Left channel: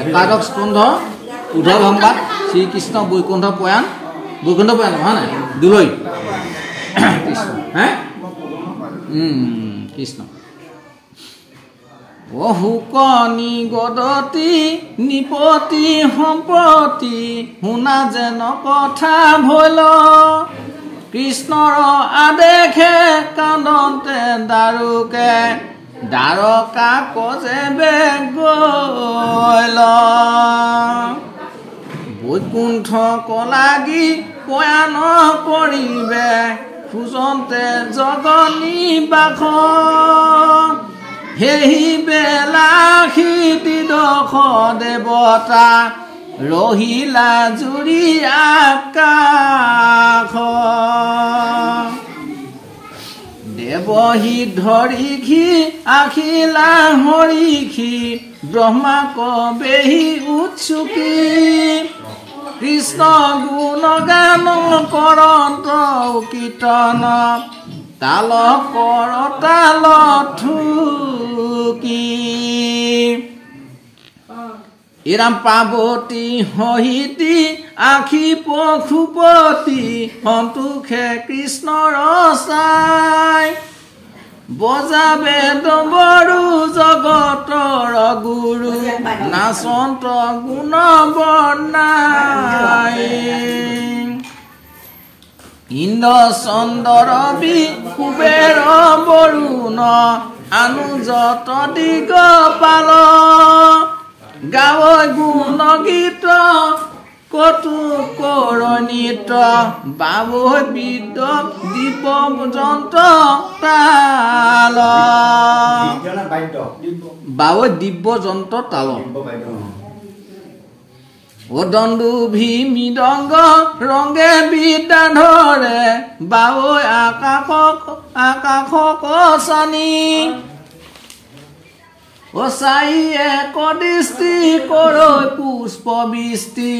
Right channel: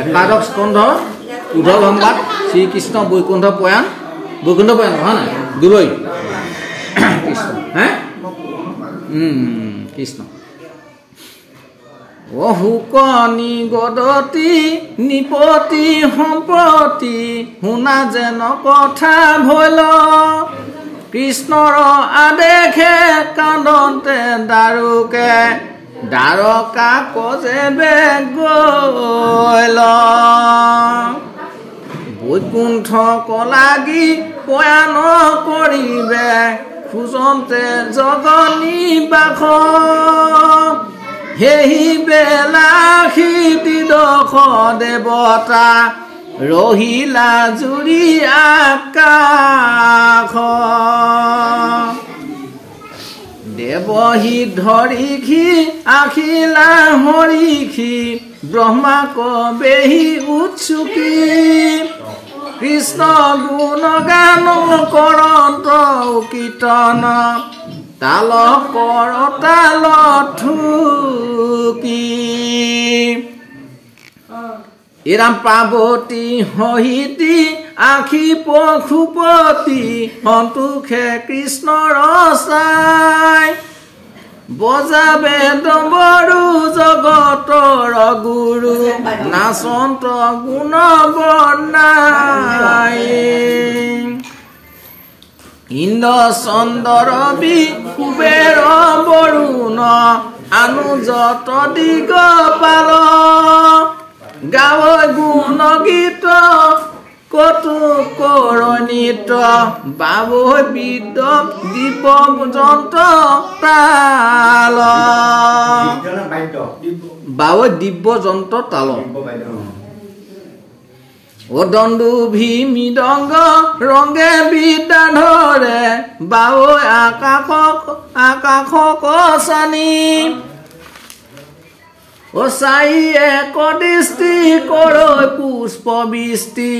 একাদশ স্কন্ধ উদ্ধৱ সংবাদ শ্ৰীকৃষ্ণ বৈকুণ্ঠ প্ৰয়াণ নহয় নাই দুলৈ কৃষ্ণ হে কৃষ্ণ অহুকনি গদতি নিপতি সম্পতি শুনা যেন কথা ভৈল কৃষ্ণৰ আদেশে কান্দতে দাৰুকে দ্বাৰকা কজে বেগল বৈকুণ্ঠ কলাগি প্ৰয়াণ কৰিবে খোজন্তে জগনী বাস সেই বেলাসী দিদশ দেৱতা ৰহিলা জুৰি আকাশ দেৱহী ধৰিখি আখিলা হৰিখি ব্ৰহ্মা কবেহি উৎসুকী কৃষ্ণ গুণ গান কৰন্ত কীৰ্তন তাল কৰ তাল থুকি এৰাম পাৰ্বতী সহিতি আখি পশুপতি সন্তোষে কৃষ্ণৰ চাই বজাবে ডমৰু জগতৰ গুৰু নাচন্ত গুণ বৰ্ণাই ইন্দ্ৰ চন্দ্ৰ বি কুবেৰ বৰুণ অনুজত দিগপাল গাৱৈ গুণ গীত কটু কৰণিত বাবৈ বিদ্য দীপ যন্ত্ৰ তাল বাবৈ দিব্য যন্ত্ৰ তাল অদণ্ডু ভি মৃদংগ ৰংগে বিদ্যা ধৰে বাবৈ আকাশ কচানি অচাইয়ে কদৃষ্টি কৰৈ পুষ্প বৃষ্টি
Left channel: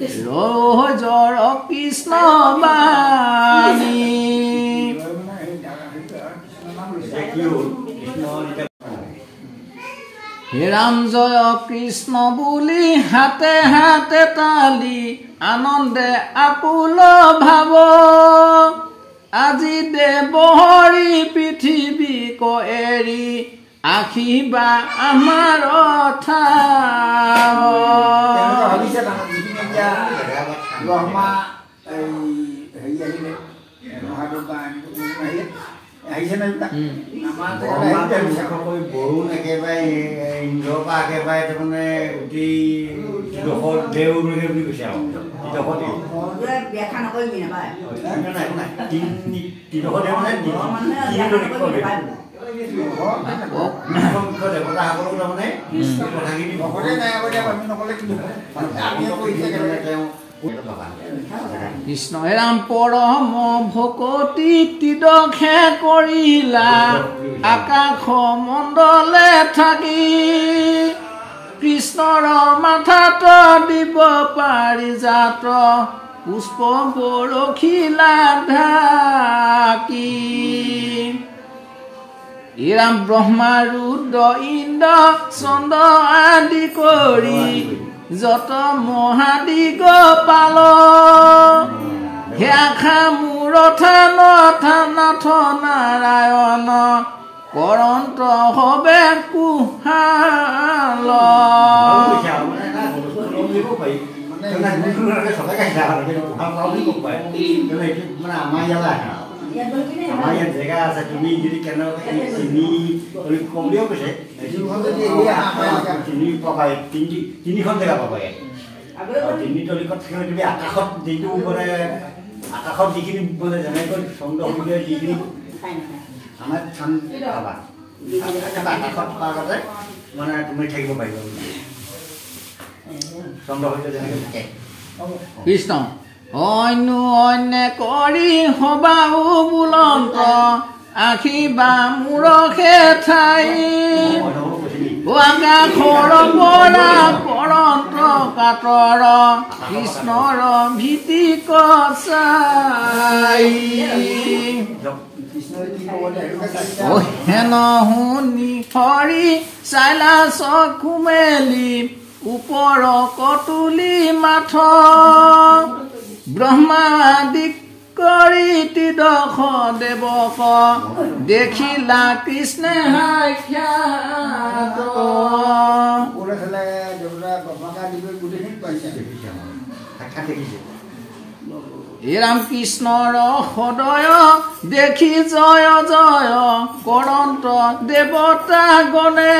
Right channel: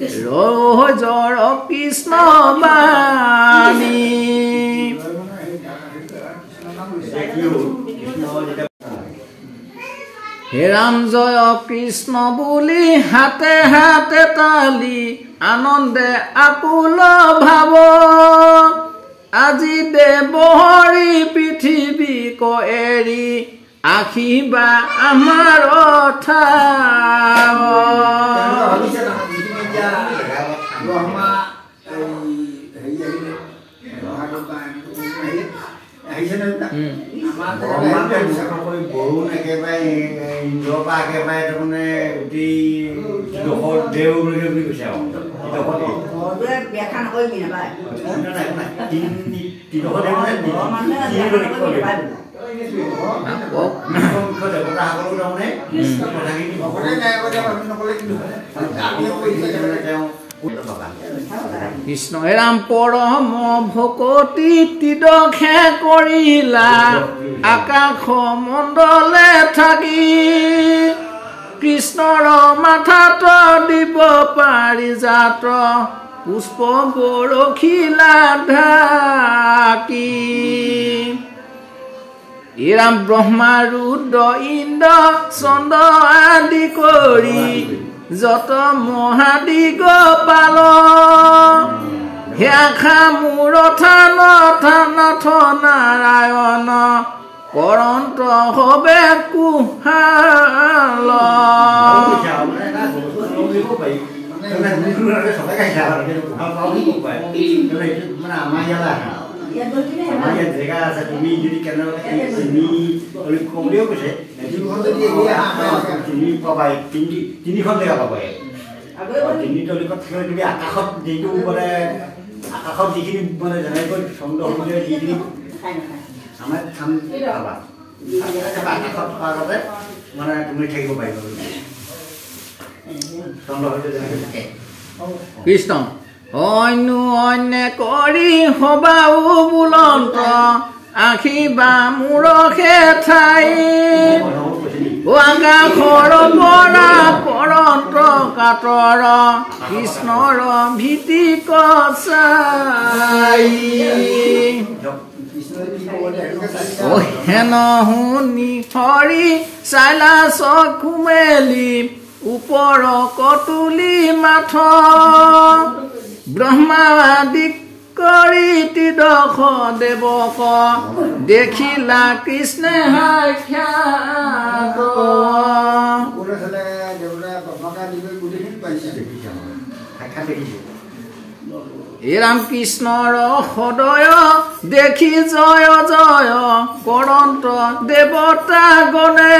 ৰজৰ কৃষ্ণ বাণী হে ৰাম জয় কৃষ্ণ বুলি হাতে হাতে তালি আনন্দে আকুল ভাৱ আজি দেৱহৰি পৃথিৱীক এৰি আখিবা আমাৰ বৰুণ একেবাৰে ইন্দ্ৰৰ পৰা একেবাৰে তাৰমানে দেৱ বুলি কৈছে আৰু কৃষ্ণ ৰাম পৰম ভকতি তিদখে কৰিলা আকাশ মণ্ডলে থাকি কৃষ্ণৰ মাথাত দিব পাৰিজাত পুষ্প বৰশিলা ঢাকি ৰাম ব্ৰহ্মা ৰুদ্ৰ ইন্দ্ৰ চন্দ্ৰ আদি কৰি যত মহাদিগপাল হেখা মূৰ থান নাৰায়ণ কৰন্ত হবে কুহাল আমাৰ ইয়াত জেগা আছে তুমি যদি কমলেও কৈছে পাবাই তিনিখন জেগা পাবাই তিনি তলিকত থাকিলে তুমি আকাশত যিটো মানে আকাশত যিখিনি মানে যেনেকৈ চন্দ্ৰ সূৰ্য যিখিনি আমাৰ থান পাবা আকাশত থকাৰ আগতে মানে তুমি থাকিব পাৰিবা চন্দ্ৰসূৰ্য যেনেকৈ থাকে কৃষ্ণ অন্য অন্য কৰি হবাও বুলন্ত আখি বা মূৰহে ঠাই আকাশৰ পৰা পৰন্ত কাতৰ কৃষ্ণৰ ভীতি কচাই হেন শুনি হৰি চাইলা চকু মেলি ওপৰ কতুলি মাথ ব্ৰহ্মাদিক কৰি তিদখ দেৱক দেখিলা কৃষ্ণে সাক্ষাৎ ৰাম কৃষ্ণৰ সদয় দেখি জয় জয় কৰন্ত দেৱতা গণে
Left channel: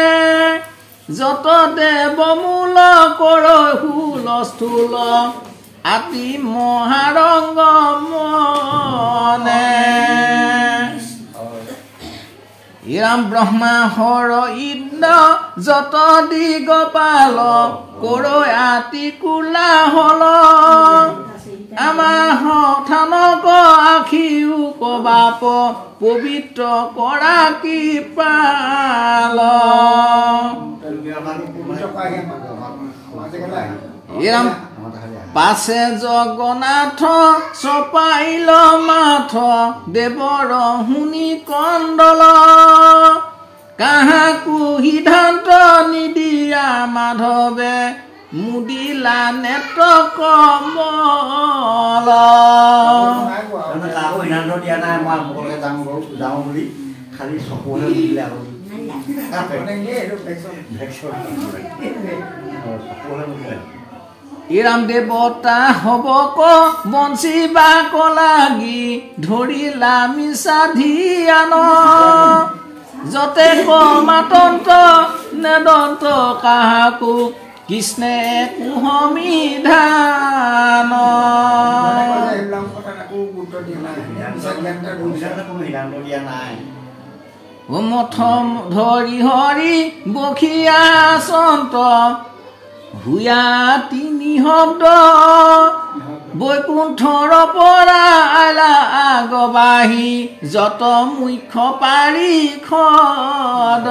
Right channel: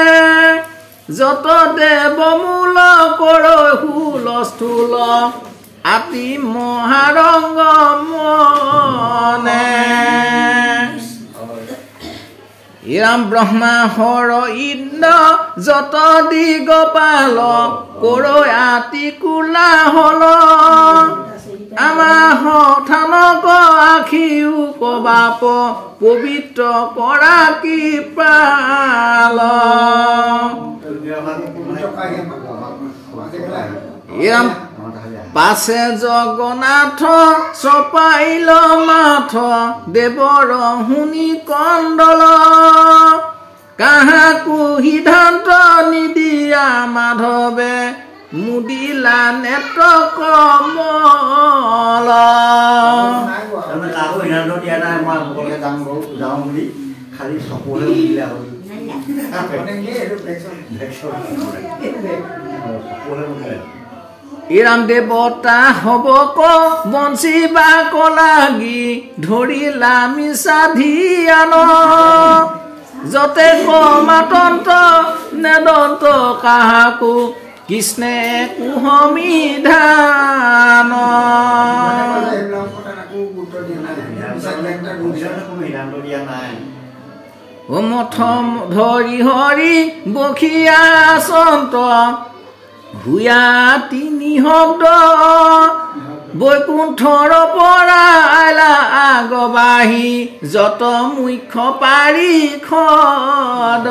যত দেৱ মূল কৰ হুলস্থুল আতি মহাৰংগ মনে ৰাম ব্ৰহ্মা হৰ ইন্দ্ৰ যত দিগপাল কৰ আতি কোলা হল আমাৰ থানক আখিও কবাপ পবিত্ৰ কৰা কি পাল পাছে জগন্নাথ চপাইল মাথ দেৱৰ শুনি কণ্ডল কাহাকো সিদ্ধান্ত নিদিয়া মাধৱে মুদিলা নেত্ৰ কমল খালি চকুলে উঠিলে ৰাম দেৱতা হব ক বঞ্চিবা কলাগি ধৰিলা মিছা ধিয়ান যতে কমাতন্ত নেদন্ত কাহাকো কৃষ্ণে কুহমি ধান মথ ধৰি হৰি বখিয়া সন্ত ভূয়া তিনি শব্দ বৈকুণ্ঠৰ পৰা আলা আগবাহি যত মুখ্য পাৰি খদ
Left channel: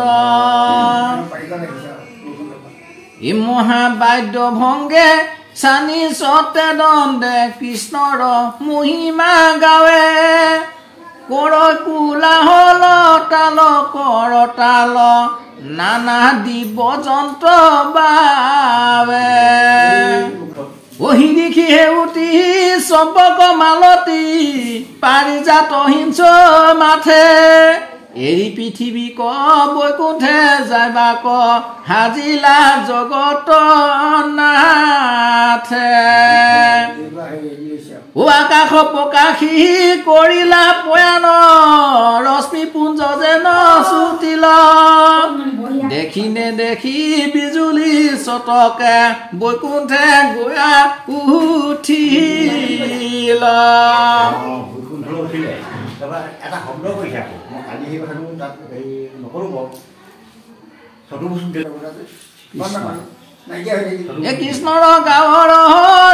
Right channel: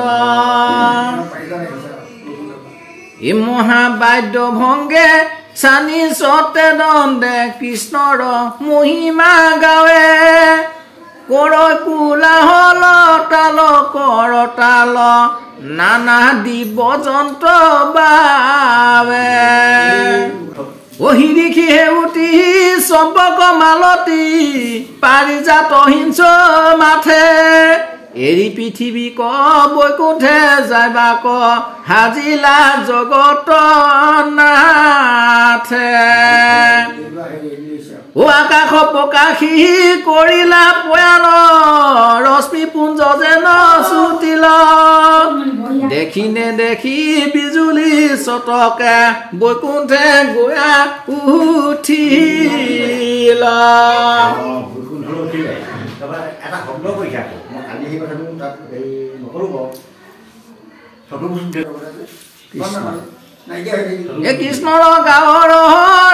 এই মহাবাদ্য ভংগে চানি সতে দণ্ডে কৃষ্ণৰ মহিমা গাৱে কৰ কোলাহল তাল কৰ তাল নানা দিব যন্ত্ৰ বাবে অহিৰিখি হেউতি চম্পক মালতী পাৰিজাত হিংস মাথে এৰি পৃথিৱী ক বৈকুণ্ঠে যাবা ক হাজিলা জগত নাথে আকাশ প্ৰকাশী কৰিলা পয়ান ৰশ্মি পুঞ্জ যেন চুটিল দেখি নেদেখি বিজুলী চতকে বৈকুণ্ঠে গয়া উঠিল এটা শব্দ কৰি থাকো মই কালি সেই কথাটো তাত হেৰি নকৰো কৃষ্ণৰ গাঁৱৰ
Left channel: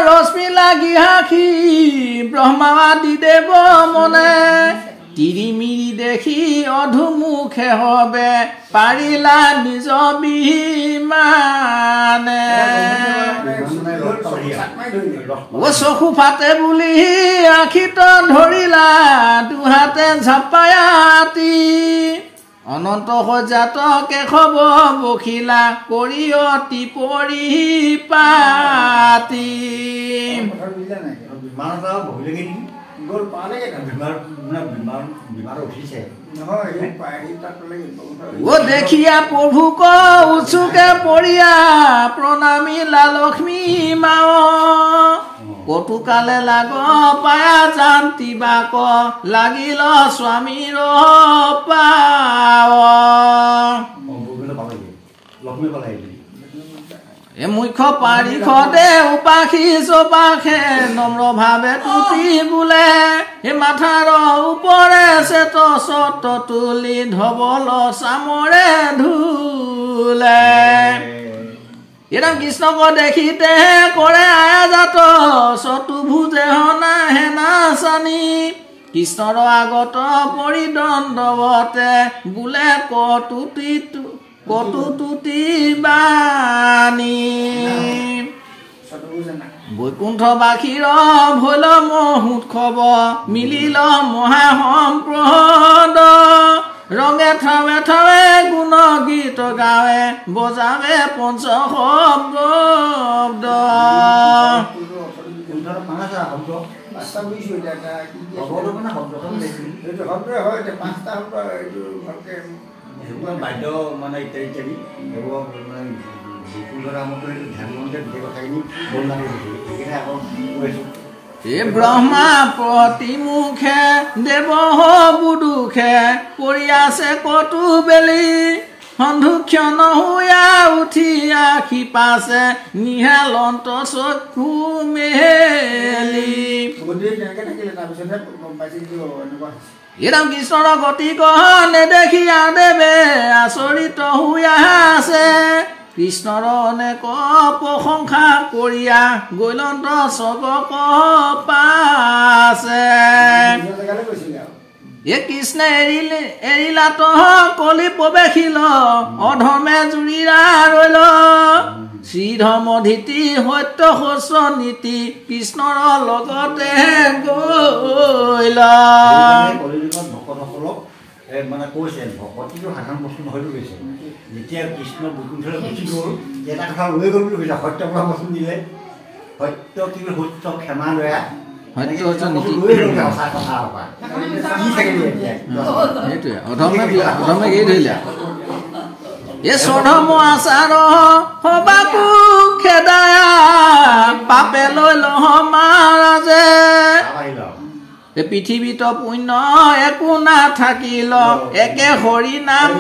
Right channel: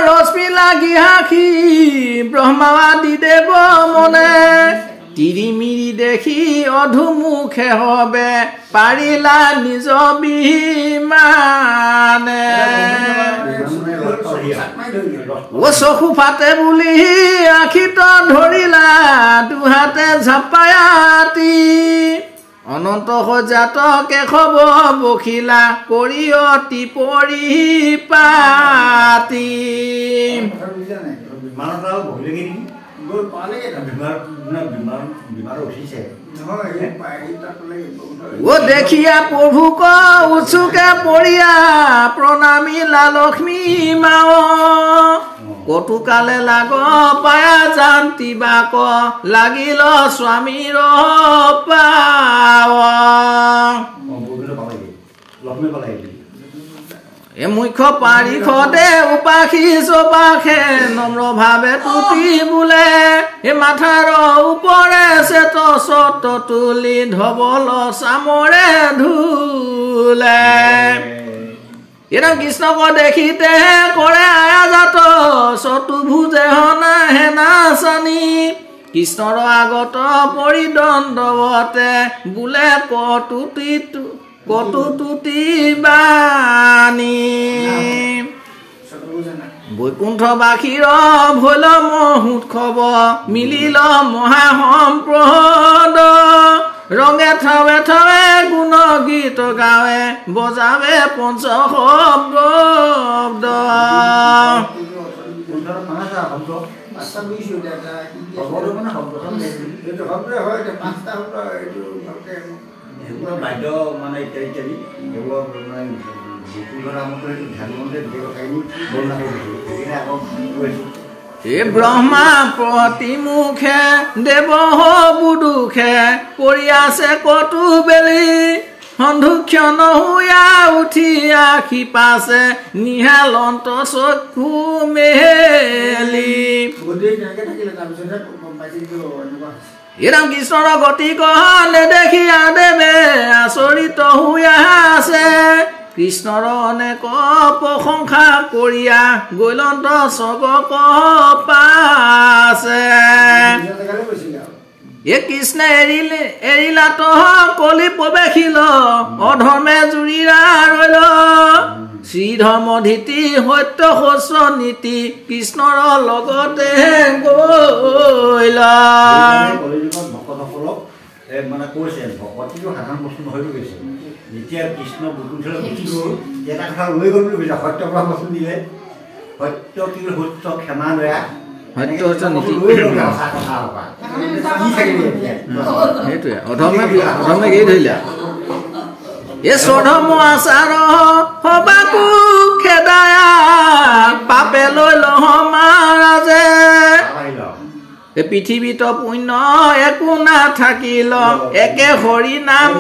ৰশ্মি লাগি হাসি ব্ৰহ্মাদি দেৱ মনে তিৰিমিৰি দেখি অধুমুখে হবে পাৰিলা নিজ বিমানে চকু ফাটে বুলি আখিত ধৰিলা দুহাতে ঝাপায়াতি অনন্ত সজাত কেশৱ বখিলা কৰি অতি পৰিপাতি দেখিয়া প্ৰভুক উৎসুকে পৰিয়া প্ৰণামিলা লক্ষ্মী মাও কটুকালে লাগ পায়া জান্তি বাক লাগিল স্বামীৰ পাৱ এ মুখ্য পাৰিষদে উপাসী চপাখে নম্ৰ ভাৱে তুতি বোলে এ মাথাৰ ওপৰে চেত চত তুলি ধবল চামৰে ধুলে এৰা কৃষ্ণক দেখিতে কৰে আয়াজাত চতুৰ্ভুজে হনা হেনা চানি কৃষ্ণৰ আগত পৰিদণ্ডৱতে বোলে কটুতুতি বাণী বৈকুণ্ঠবাসীৰ ভৈল মহোৎসৱ মিলিল মহাসম্প্ৰদ ৰঙে ঠাৱে ঠাৱে গুণ গীত গাৱে বজাৱে পঞ্চশব্দ বাদ্য মানে ইত্যাদি ব্ৰহ্মা প্ৰতিমুখে দেৱ বুদুখে কৰি আছে কটু বেলি সন্ধুক্ষ নহুয়া উঠি আখি পাছে নিহালন্ত চক্ষু মেলি এৰাম কৃষ্ণৰ গতি কহ নেদেখিয়া দেৱে আচৰিত হুয়া আছে কৃষ্ণৰ অনেক প্ৰশংসা কৰিয়া গৈলন্ত চবক পাছে এ কৃষ্ণে এৰিলাত কলি প্ৰৱেশিল অধৰ্মে জুৰিৰা ৰৈল শ্ৰীধৰ্ম ধীতি সত্য শস্য নীতি কৃষ্ণৰ লগতে গৈল মানে কৈছে ভকতিটো সাধাৰণ বস্তু নহয় বুলি কৈছে যেতিয়া কৃষ্ণ বৈকুণ্ঠলৈ গুচি গ'ল এটা কথা লৈ গ'ল বুলি কৈছে সত্য পৰা বস্তু দিলে সত্য কি সত্য ক্ষমা দয়া সেইটোৱে অধৰ্মে এৰি ধৰিলে এ স্বধৰ্ম আচাৰ সবাকো খেদায়া পাপে লৈ লহ মহাৰাজে এ পৃথিৱীত পুণ্য একো নাথাকিল একে হৰি নাম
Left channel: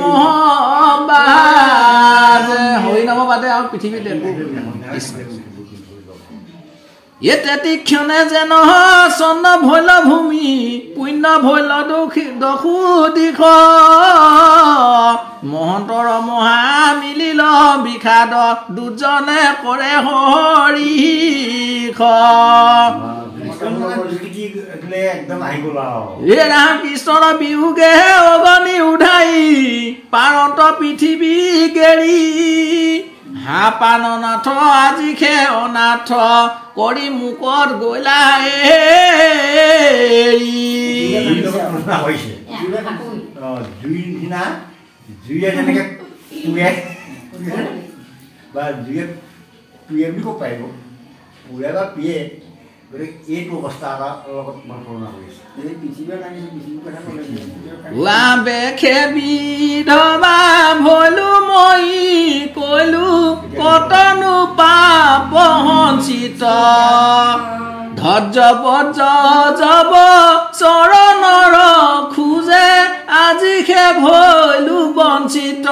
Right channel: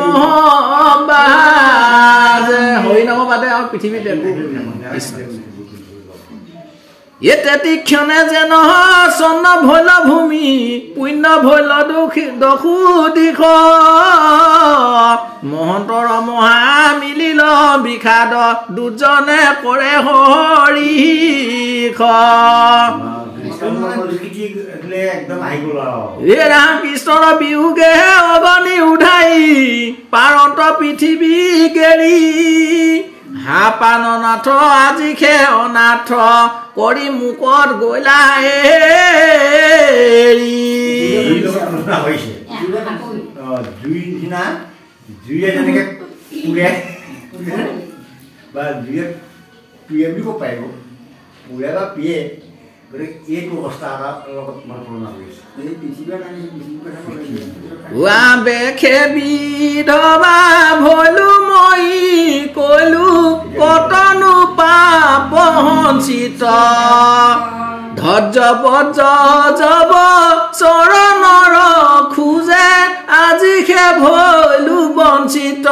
বাজে হৰি নাম বাদে আৰু পৃথিৱীত একো তীক্ষণে যেন চন্ন ভৈল ভূমি পুণ্য ভৈল দশু দিশ মহন্তৰ মহা মিলিল বিষাদ দুজনে কৰে হৰিষ ৰাম কৃষ্ণৰ বিয়োগে অগনি উধাই পাৰন্ত পৃথিৱী গেৰি হা পাননাথ আজি খে অনাথ কৰি মুকত গৈলা জুয়ে যেনেকে পুৰে বা জুয়ে প্ৰিয়ে বুলি ক'ব পাৰিব পুৰে বা প্ৰিয়ে গতিকে এইটো অৱস্থা এটা লগত মই তুলনা কৰিছোঁ এই পৃথিৱীৰ বেখে বিধৱা ভৈলো মই কলো কতনো পাপ সঞ্চিত ধৈৰ্য বজ্ৰ জব চৰণৰ খোজে আজি খে ভৈলো বঞ্চিত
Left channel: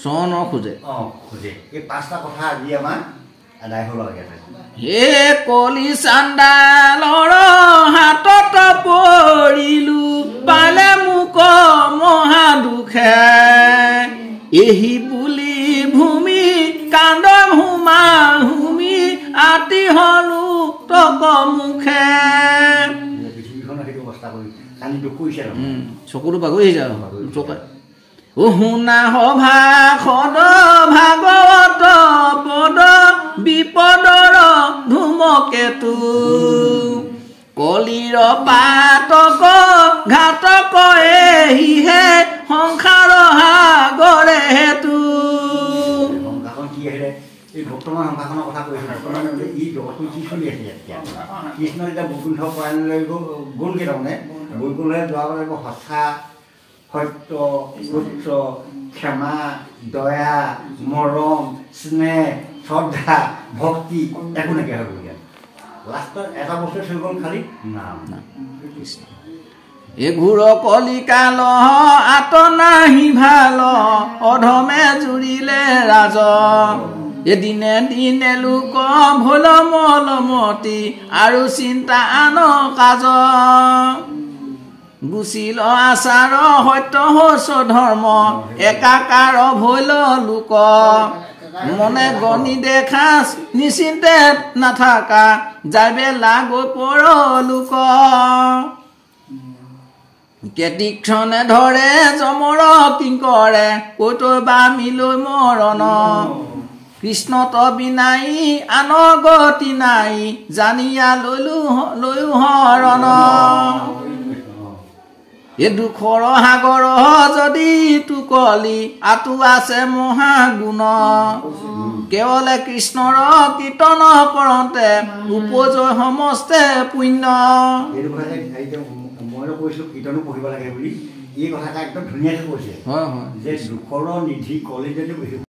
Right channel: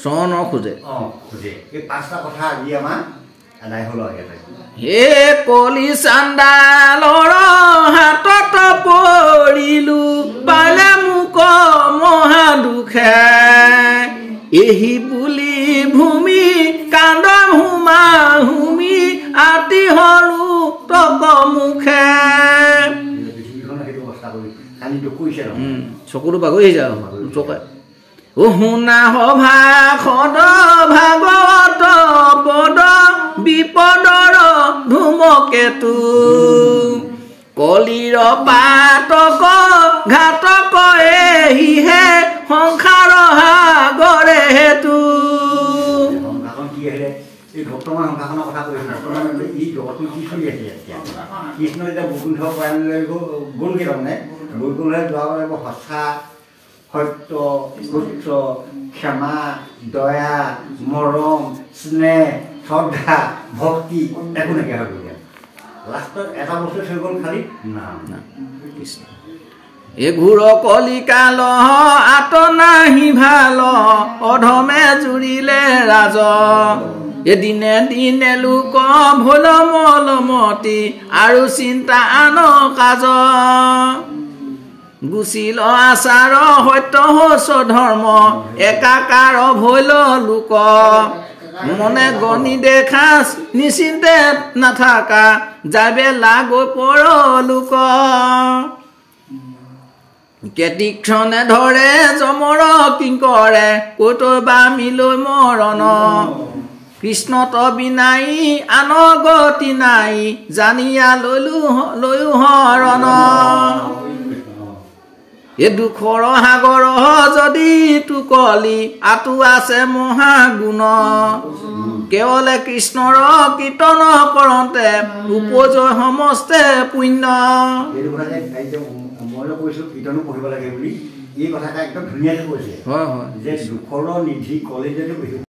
চৰণ খোজে এই পাঁচটা কথা আজি আমাৰ আদায় হ'ল হে কলি চাণ্ডালৰ হাতত পৰিলো পালে মোক মহা দুখে এহি বুলি ভূমি কান্দন হুমা হুমি আতি হলো তক মুখে চকুটো বাগৰি যায় ও শুনা সভাসদ ভাগৱত পদ বিপদৰ ধুমকেতু কলিৰ পাতক ঘাতক এহিহে সংসাৰ সাগৰে হেতু এই বৰ্তমান সংসাৰখনৰ কথা কৈছে ই জগতটো কি চলি আছে এতিয়া কৃষ্ণ যেতিয়া বৈকুণ্ঠ পৰায়ণলৈ গ'লগৈ তাৰমানে বৈকুণ্ঠলৈ যোৱাৰ বাবে সঁচা সত্য সূত্ৰ ক্ষমা দয়া মৰম স্নেহ শ্ৰদ্ধা ভক্তি একো নাইকিয়া হৈ গ'ল লাষ্টত এটা বস্তু থৈ গ'ল খালি নাম এ ঘূৰ কলিকাল আত নাহি ভাল অধমে জুৰিলে ৰাজ এদিনে দিনে লোক ভোল মলমতি আৰু চিন্তা আন কাজ গুচিল আচাৰ সত্য হচ ধৰ্ম একাকাৰ ভৈল লোক মনে গণি দেখা নিশ্চিন্তে নাথাকা যাবে লাগৈ পৰ লোক কেতিক্ষণে ধৰে যমৰ কিংকৰে কৈতৈ বা মিলৈ মৰণ কৃষ্ণত বিনাই আন গতি নাই জানিয়া লৈও হৰণ এ দুখৰ সাগৰ যদি তুকলি আঁতু আছে মহাগুণ কেৱলে কৃষ্ণৰ কীৰ্তন কৰোঁতে উপজয় সমস্তে পুণ্য মই কৈছোঁ কীৰ্তনো পঢ়িব লাগে বুলি এই কথাটা একদম ধুনীয়াকৈ কৈছে যে দুখৰ নিধি কলেজতে